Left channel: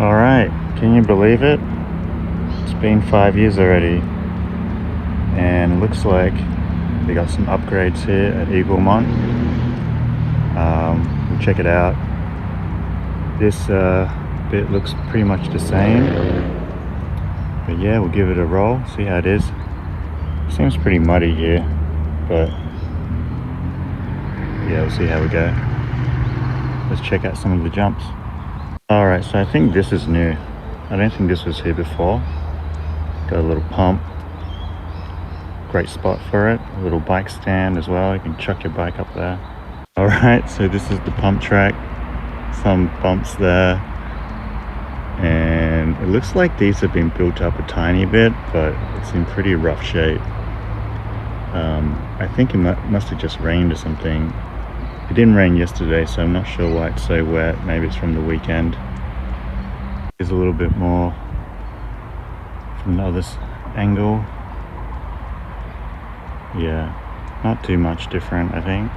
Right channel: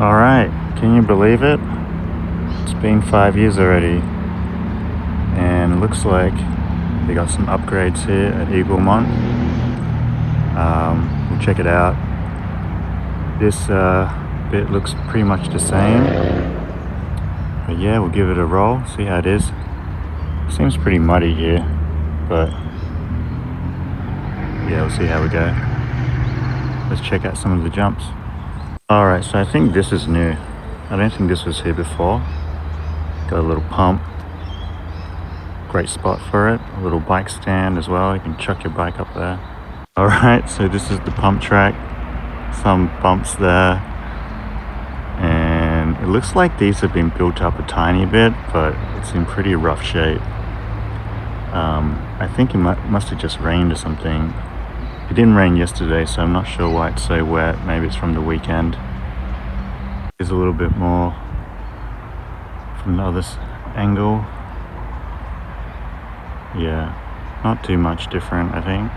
Alright, can you believe it? It's been 5 years already, and it looks like they got some upgrades here at Eaglemont. We'll check it out. This bit looks pretty much the same, but yeah, we'll give it a roll, see how it is. Seems pretty muddy here, but yeah, we'll see how we go. Let's check out some of the jumps. Alright, so I think this is new. I don't think this was here before. Got a little pump. Great spot for it. A little bike stand as well. You can chuck your bike up there. Alright, so this is the pump track. Some bumps there. And it looks like these have been built up a tiny bit, but it's in pretty rough shape. I think it must have just rained or something. It didn't rain yesterday, so I'm not sure why it's so wet. Maybe it's from the weekend. Here's a little bit more from the other angle. Yeah, not too much different, I think.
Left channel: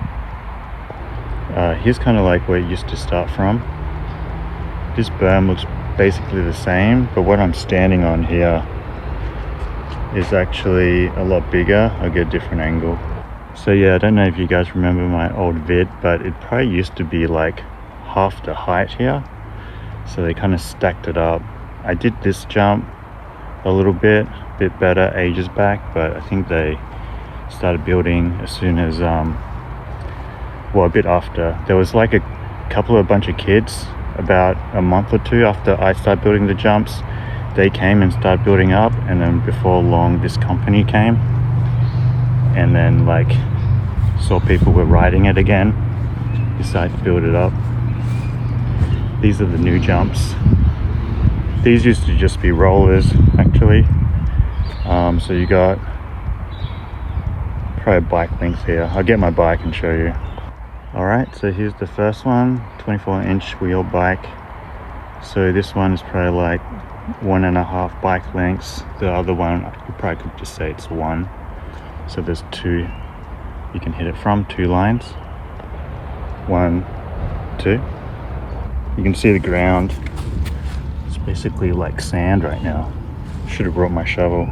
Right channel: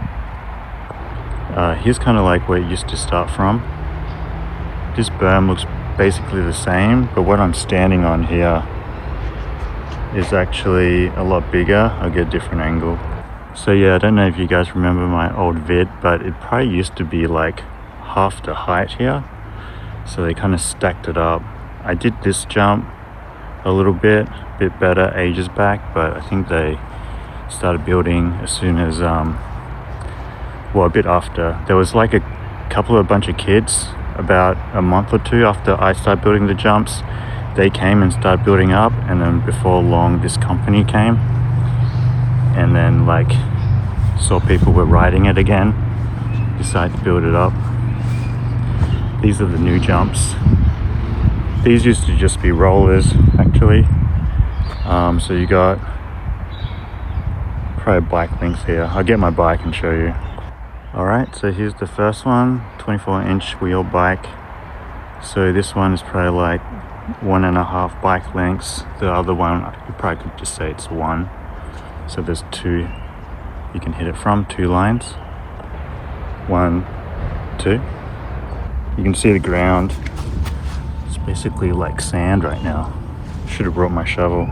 Here's kind of like where it used to start from. This berm looks basically the same, but what I'm standing on here is actually a lot bigger. I'll get a different angle. So yeah, I don't know if you guys remember my old vid, but it probably used to be like half the height here. So they kind of stacked it up. I did this jump a little bit better ages back, but I think they started building as soon as, well, a bit after. There was like a bunch of kids about a month or two after I started building the jumps. They came and started building up, and then before long this company came and then like saw people were riding it again, decided to build it up. These are the new jumps. These used to just be rollers actually. So you got probably bike links here. I'll get my bike and show you. Alright, so here's the first one, 24-inch wheel bike. So this one is probably like 1.5 bike lengths. The other one, you probably could just say it's 1. So there's 2 you can hit it from, 2 lines. 1, 2. You can see the ground. It's basically like sand right now. Should have brought my shovel.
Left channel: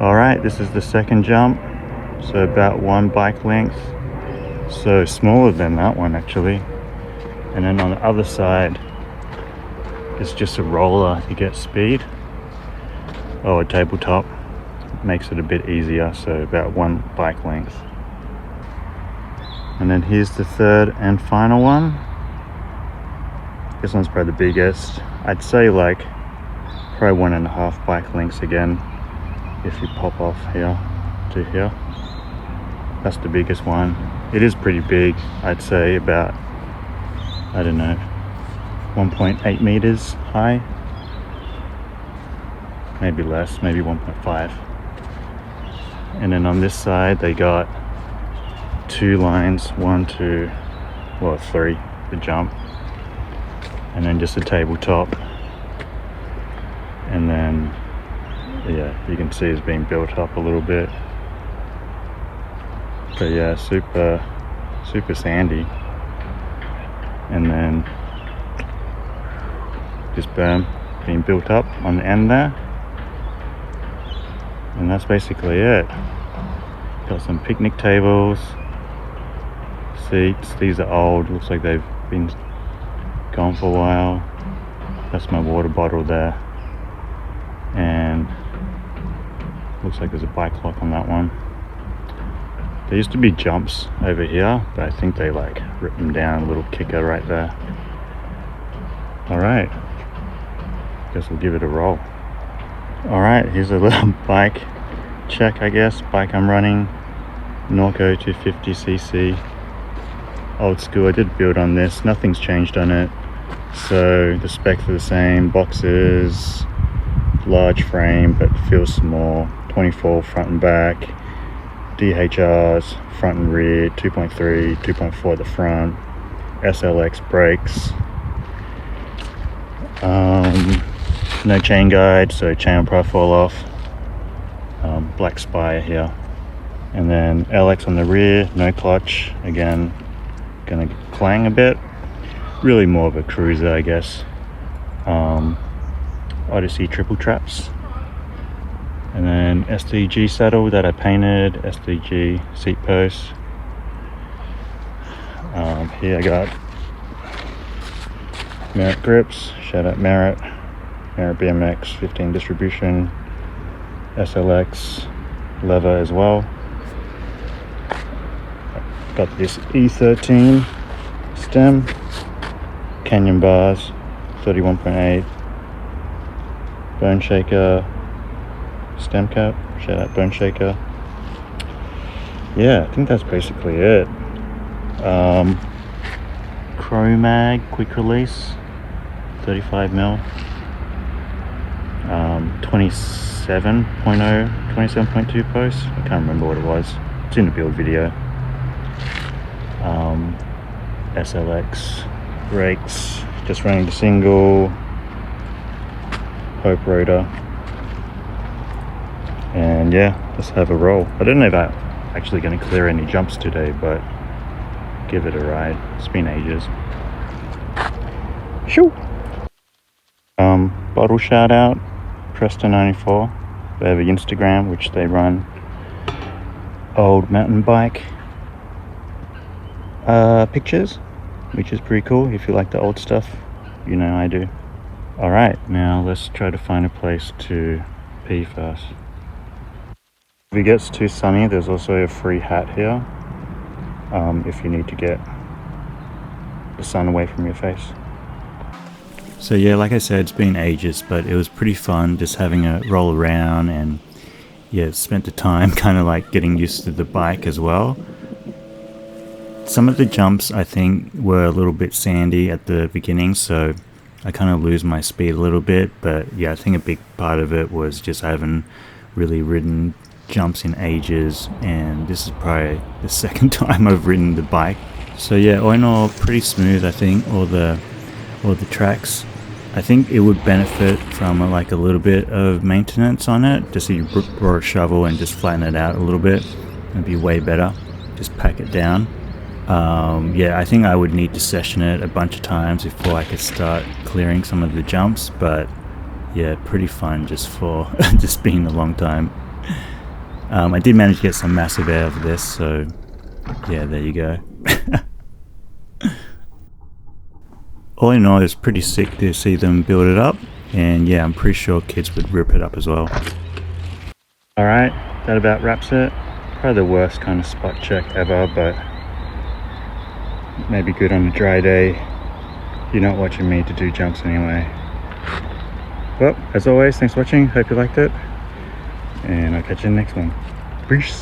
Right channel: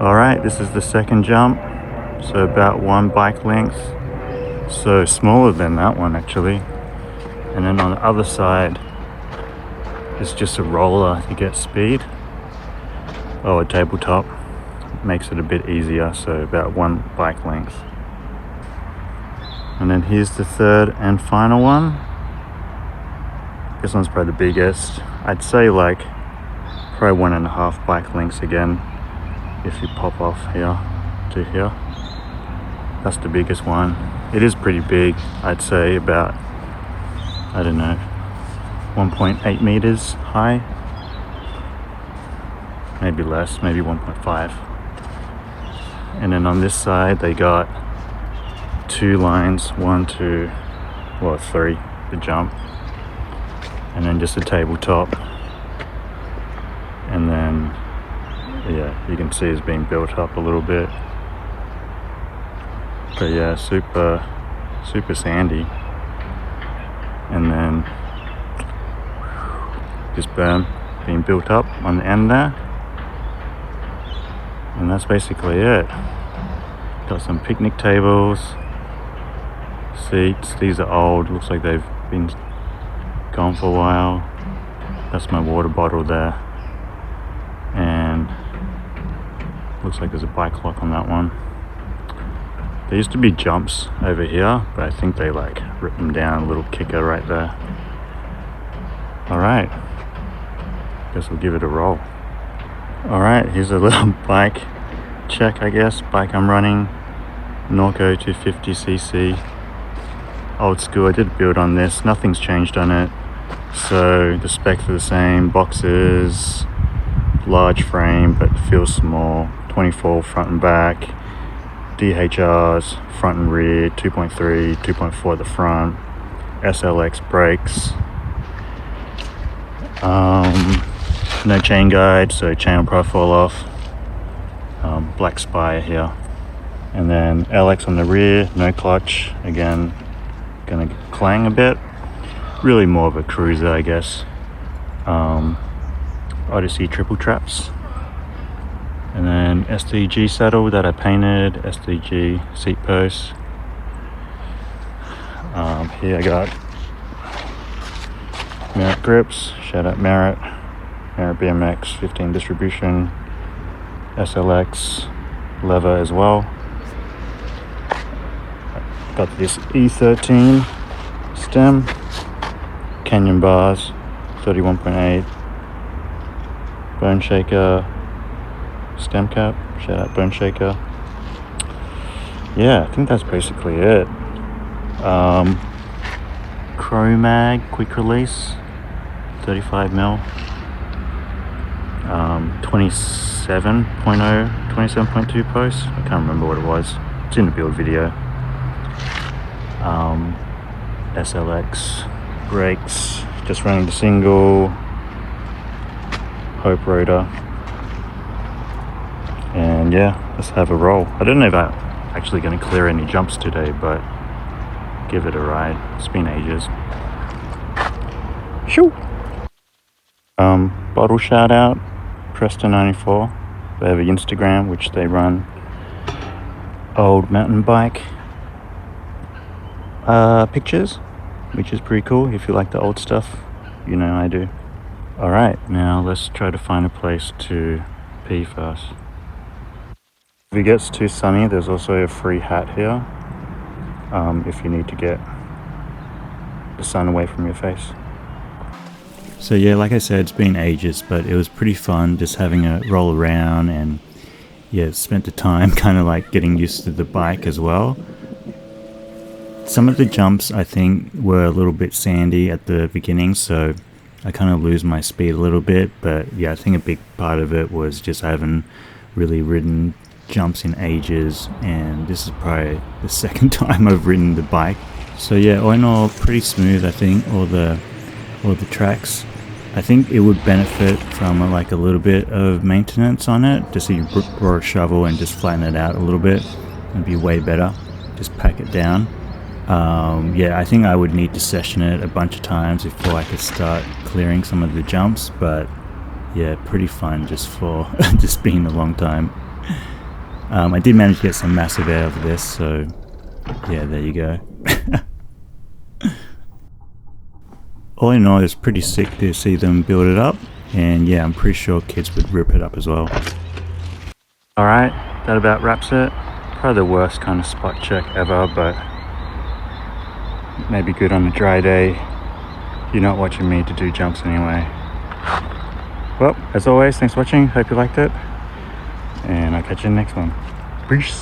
Alright, this is the second jump. So about 1 bike length. So smaller than that one actually. And then on the other side, it's just a roller to get speed. Oh, a tabletop. Makes it a bit easier, so about 1 bike length. And then here's the third and final one. This one's probably the biggest. I'd say like probably 1.5 bike lengths again if you pop off here to here. That's the biggest one. It is pretty big. I'd say about, I don't know, 1.8 meters high. Maybe less, maybe 1.5. And then on this side they got 2 lines, 1, 2, well 3 to jump, and then just a tabletop. And then yeah, you can see it's being built up a little bit. But yeah, super sandy. And then this berm being built up on the end there. And that's basically it. Got some picnic tables, seats. These are old, looks like they've been gone for a while. That's my water bottle there. And looks like there's a bike lock on that one. There used to be jumps over here, but I think they like ripped them down. A little kicker right there. Alright, guess we'll give it a roll. Alright, here's a little bike check, I guess. Bike I'm running, Norco 250cc. Old school. I did build on this. Nothing's changed on it. So the specs are the same. Boxes, large frame, but feels small. 24 front and back. DHRs, front and rear, 2.3, 2.4 at the front. SLX brakes. No chain guide, so chain will probably fall off. Black spire here. And then LX on the rear, no clutch. Again, gonna clang a bit. Really more of a cruiser, I guess. Odyssey triple traps. And then SDG saddle that I painted, SDG seat posts. Here I got Merit grips, shout out Merit BMX 15 distribution, SLX leather as well. Got this E13 stem, Canyon bars, 31.8, bone shaker stem cap, shout out bone shaker. Yeah, I think that's basically it. Crow mag, quick release, 35mm, 27.2 posts. I can't remember what it was. It's in the build video. SLX brakes, just running the single, Hope rotor, and yeah, let's have a roll. I don't know if I'm actually going to clear any jumps today, but give it a ride. It's been ages. Shoo! Bottle shout out, Preston94. They have an Instagram which they run old mountain bike pictures, which is pretty cool. If you like the old stuff, you know I do. Alright, now let's try to find a place to pee first. If it gets too sunny, there's also a free hat here, if you need to get the sun away from your face. So yeah, like I said, it's been ages, but it was pretty fun just having a roll around, and yeah, spent the time kind of like getting used to the bike as well. Some of the jumps I think were a little bit sandy at the beginning, so I kind of lose my speed a little bit, but yeah, I think a big part of it was just I haven't really ridden jumps in ages, and this is probably the second time I've ridden the bike. So yeah, all in all, pretty smooth. I think all the tracks. I think it would benefit from like a little bit of maintenance on it, just so you brought a shovel and just flatten it out a little bit. It'd be way better. Just pack it down. Yeah, I think I would need to session it a bunch of times before I could start clearing some of the jumps, but yeah, pretty fun just for just being a long time. I did manage to get some massive air of this, so yeah, there you go. All in all, it's pretty sick to see them build it up, and yeah, I'm pretty sure kids would rip it up as well. Alright, that about wraps it. Probably the worst kind of spot check ever, but maybe good on a dry day. You're not watching me to do jumps anyway. Well, as always, thanks for watching. Hope you liked it, and I'll catch you in the next one. Peace.